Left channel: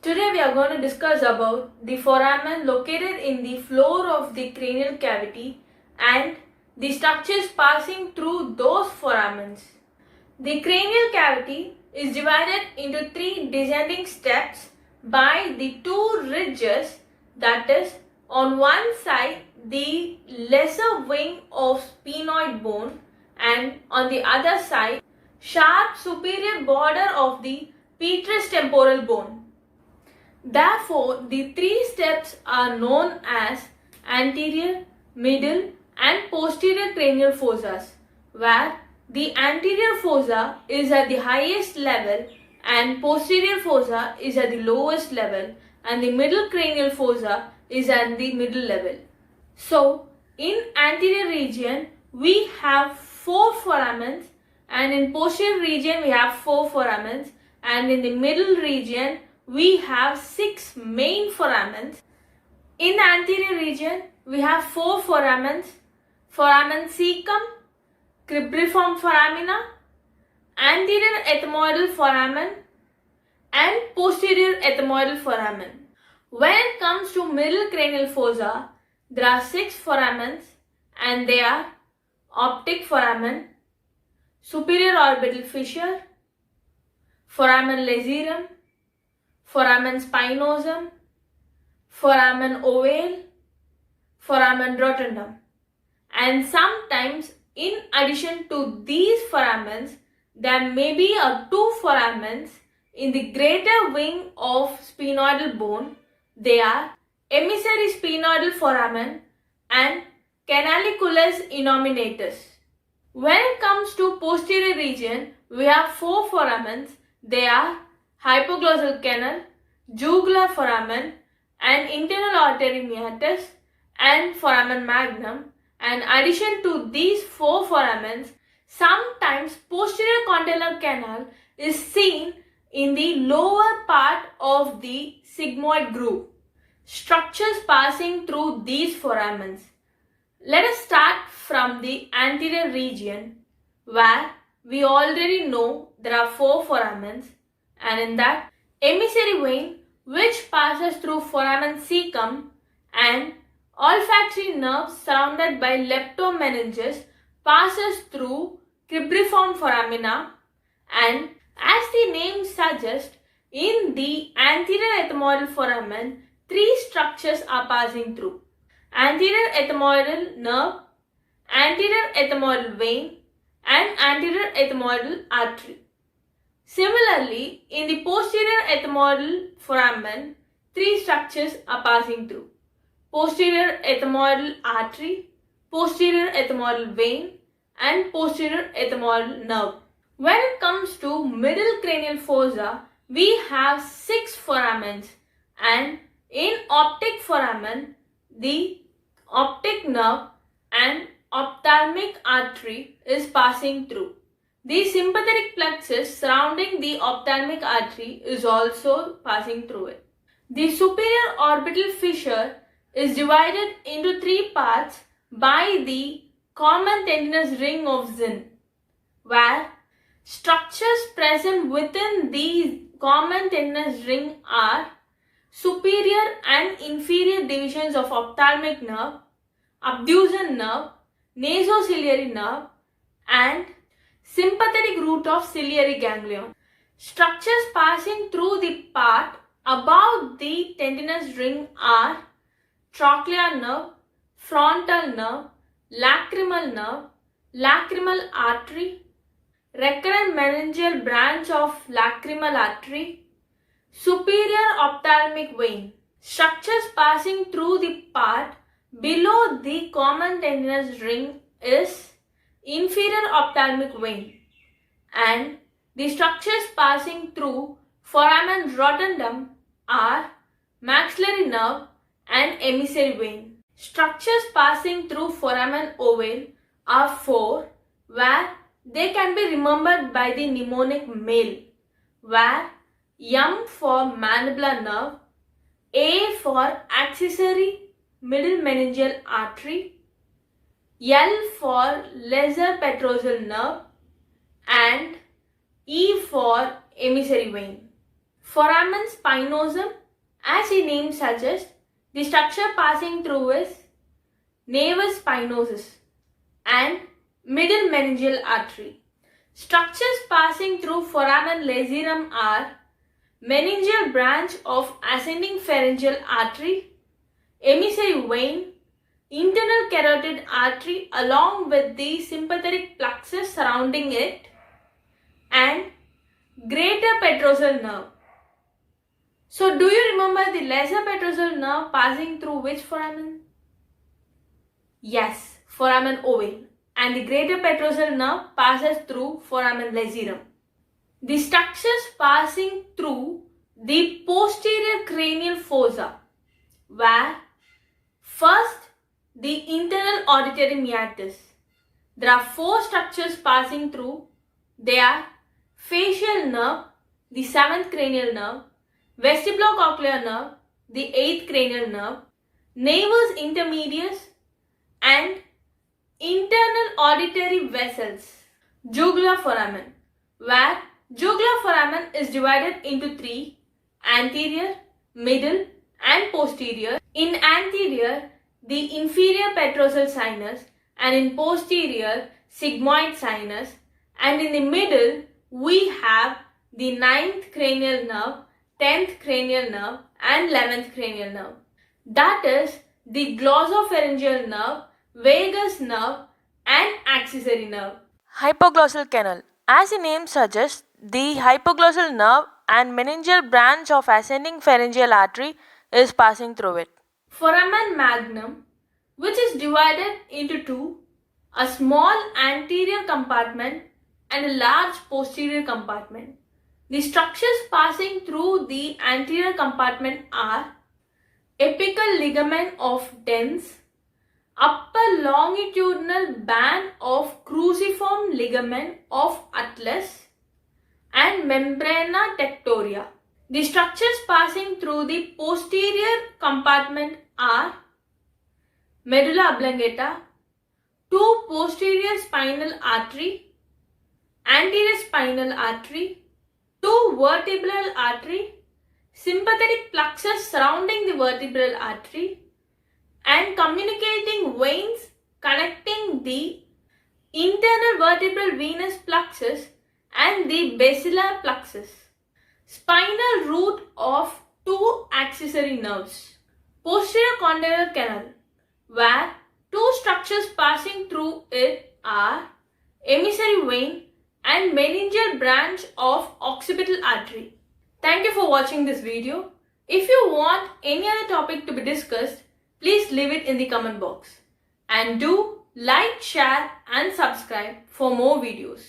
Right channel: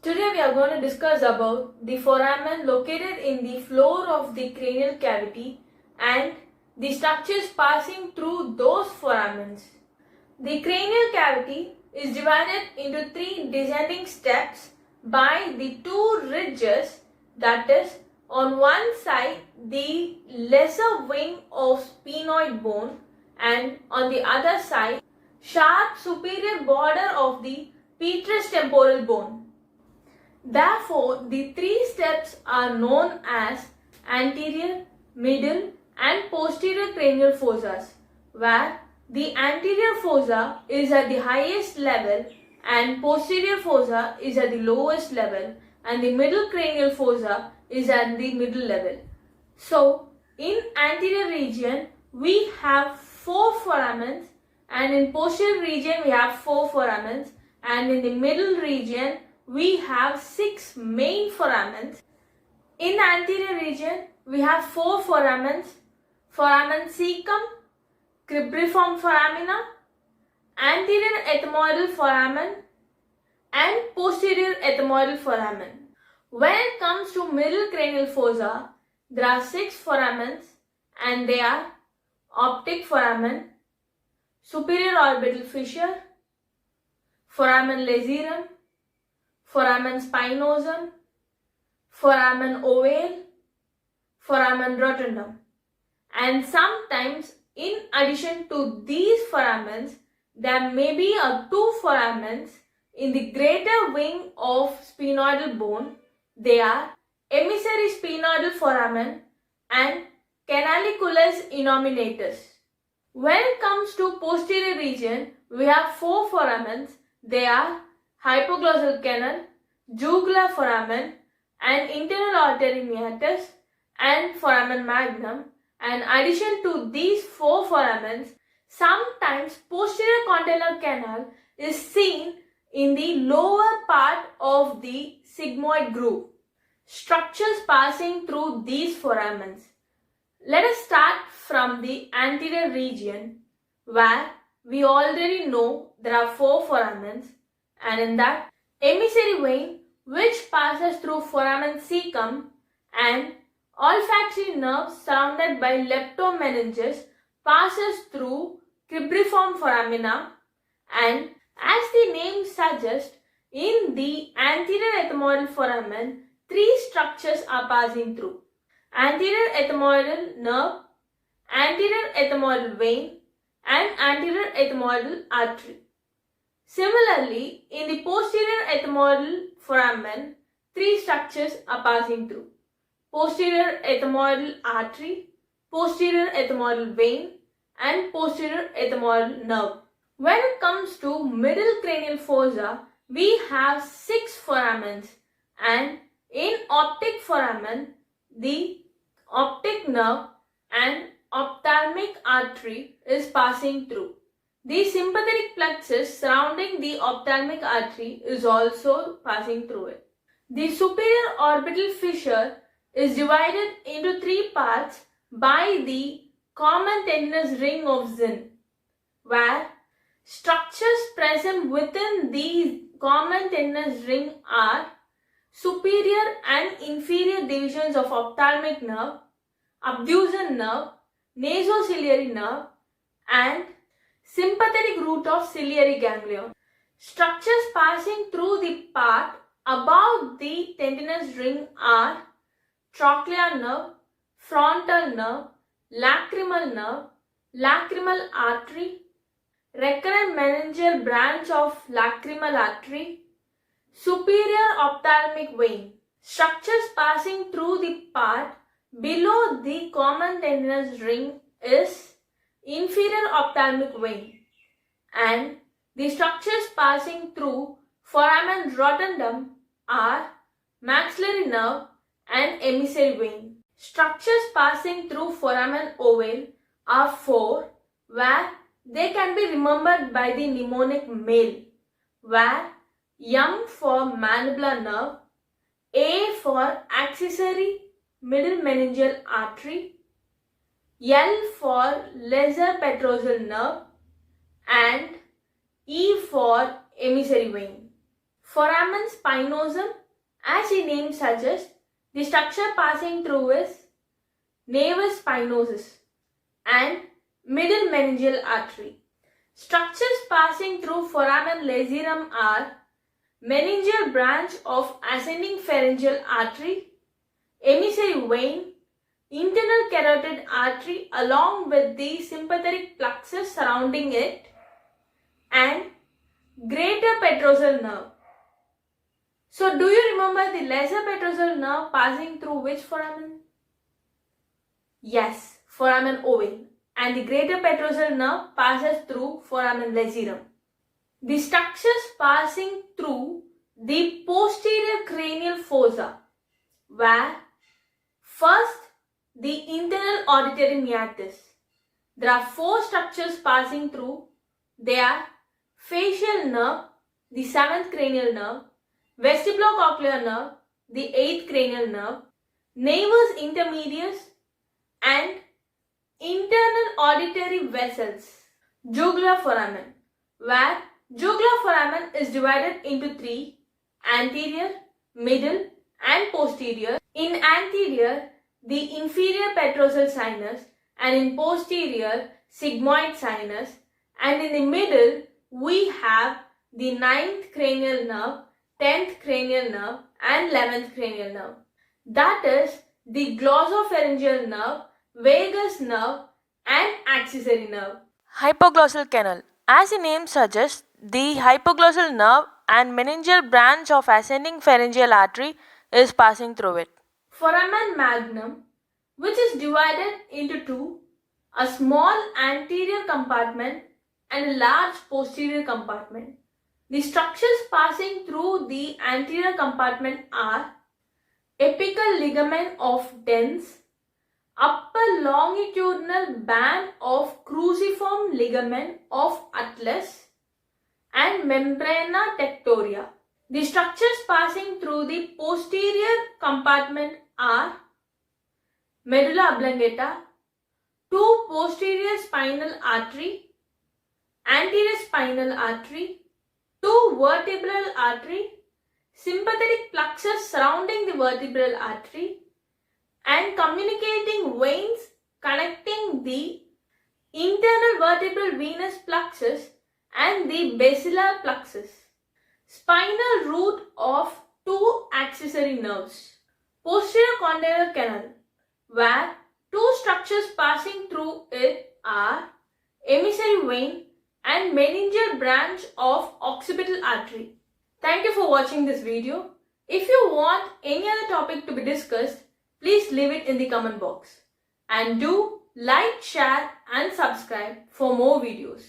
Today we are going to discuss about the foramen located in the floor of the cranial cavity and the structures passing through those foramens. The cranial cavity is divided into three descending steps by the two ridges, that is, on one side the lesser wing of sphenoid bone and on the other side sharp superior border of the petrous temporal bone. Therefore, the three steps are known as anterior, middle and posterior cranial fossas, where the anterior fossa is at the highest level and posterior fossa is at the lowest level and the middle cranial fossa is at the middle level. So, in anterior region we have 4 foramens and in posterior region we have 4 foramens and in the middle region we have 6 main foramens. In anterior region we have 4 foramens: foramen cecum, cribriform foramina, anterior ethmoidal foramen and posterior ethmoidal foramen. When it comes to middle cranial fossa, there are 6 foramens and they are optic foramen, superior orbital fissure, foramen lacerum, foramen spinosum, foramen ovale, foramen rotundum. And sometimes in addition to these foramens, there may be 2 foramens in the greater wing of sphenoidal bone. They are emissary sphenoidal foramen and canaliculus innominatus. When it comes to posterior region, we have 4 foramens. They are hypoglossal canal, jugular foramen and internal auditory meatus and foramen magnum. And in addition to these 4 foramens, sometimes posterior condylar canal is seen in the lower part of the sigmoid groove. Structures passing through these foramens. Let us start from the anterior region, where we already know there are 4 foramens, and in that emissary vein which passes through foramen cecum and olfactory nerve surrounded by leptomeninges passes through cribriform foramina, and as the name suggests, in the anterior ethmoidal foramen 3 structures are passing through: anterior ethmoidal nerve, anterior ethmoidal vein and anterior ethmoidal artery. Similarly, in the posterior ethmoidal foramen 3 structures are passing through: posterior ethmoidal artery, posterior ethmoidal vein and posterior ethmoidal nerve. When it comes to middle cranial fossa, we have 6 foramens, and in optic foramen, the optic nerve and ophthalmic artery is passing through. The sympathetic plexus surrounding the ophthalmic artery is also passing through it. The superior orbital fissure is divided into 3 parts by the common tendinous ring of Zinn, where structures present within the common tendinous ring are superior and inferior divisions of ophthalmic nerve, abducens nerve, nasociliary nerve and sympathetic root of ciliary ganglion. Structures passing through the part above the tendinous ring are trochlear nerve, frontal nerve, lacrimal artery, recurrent meningeal branch of lacrimal artery, superior ophthalmic vein. Structures passing through the part below the common tendinous ring is inferior ophthalmic vein, and the structures passing through foramen rotundum are maxillary nerve and emissary vein. Structures passing through foramen ovale are 4, where they can be remembered by the mnemonic MALE, where M for mandibular nerve, A for accessory middle meningeal artery, L for lesser petrosal nerve and E for emissary vein. Foramen spinosum, as the name suggests, the structure passing through is navis spinosus and middle meningeal artery. Structures passing through foramen lacerum are meningeal branch of ascending pharyngeal artery, emissary vein, internal carotid artery along with the sympathetic plexus surrounding it, and greater petrosal nerve. So, do you remember the lesser petrosal nerve passing through which foramen? Yes, foramen ovale, and the greater petrosal nerve passes through foramen lacerum. The structures passing through the posterior cranial fossa were first the internal auditory meatus. There are four structures passing through. They are facial nerve, the 7th cranial nerve, vestibulocochlear nerve, the 8th cranial nerve, nervus intermedius, and internal auditory vessels. Jugular foramen, where jugular foramen is divided into three: anterior, middle, and posterior. In anterior, the inferior petrosal sinus, and in posterior, sigmoid sinus, and in the middle, we have the 9th cranial nerve, 10th cranial nerve, and 11th cranial nerve. That is the glossopharyngeal nerve, vagus nerve, and accessory nerve. Hypoglossal canal. As the name suggests, the hypoglossal nerve and meningeal branch of ascending pharyngeal artery is passing through it. Foramen magnum, which is divided into two, a small anterior compartment and a large posterior compartment. The structures passing through the anterior compartment are apical ligament of dens, upper longitudinal band of cruciform ligament of atlas, and membrana tectoria. The structures passing through the posterior compartment are medulla oblongata, two posterior spinal artery, anterior spinal artery, two vertebral artery, sympathetic plexus surrounding the vertebral artery, and communicating veins connecting the internal vertebral venous plexus and the basilar plexus. Spinal root of two accessory nerves. Posterior condylar canal, where two structures passing through it are emissary vein and meningeal branch of occipital artery. Thank you for watching this video. If you want any other topic to be discussed, please leave it in the comment box. And do like, share and subscribe for more videos.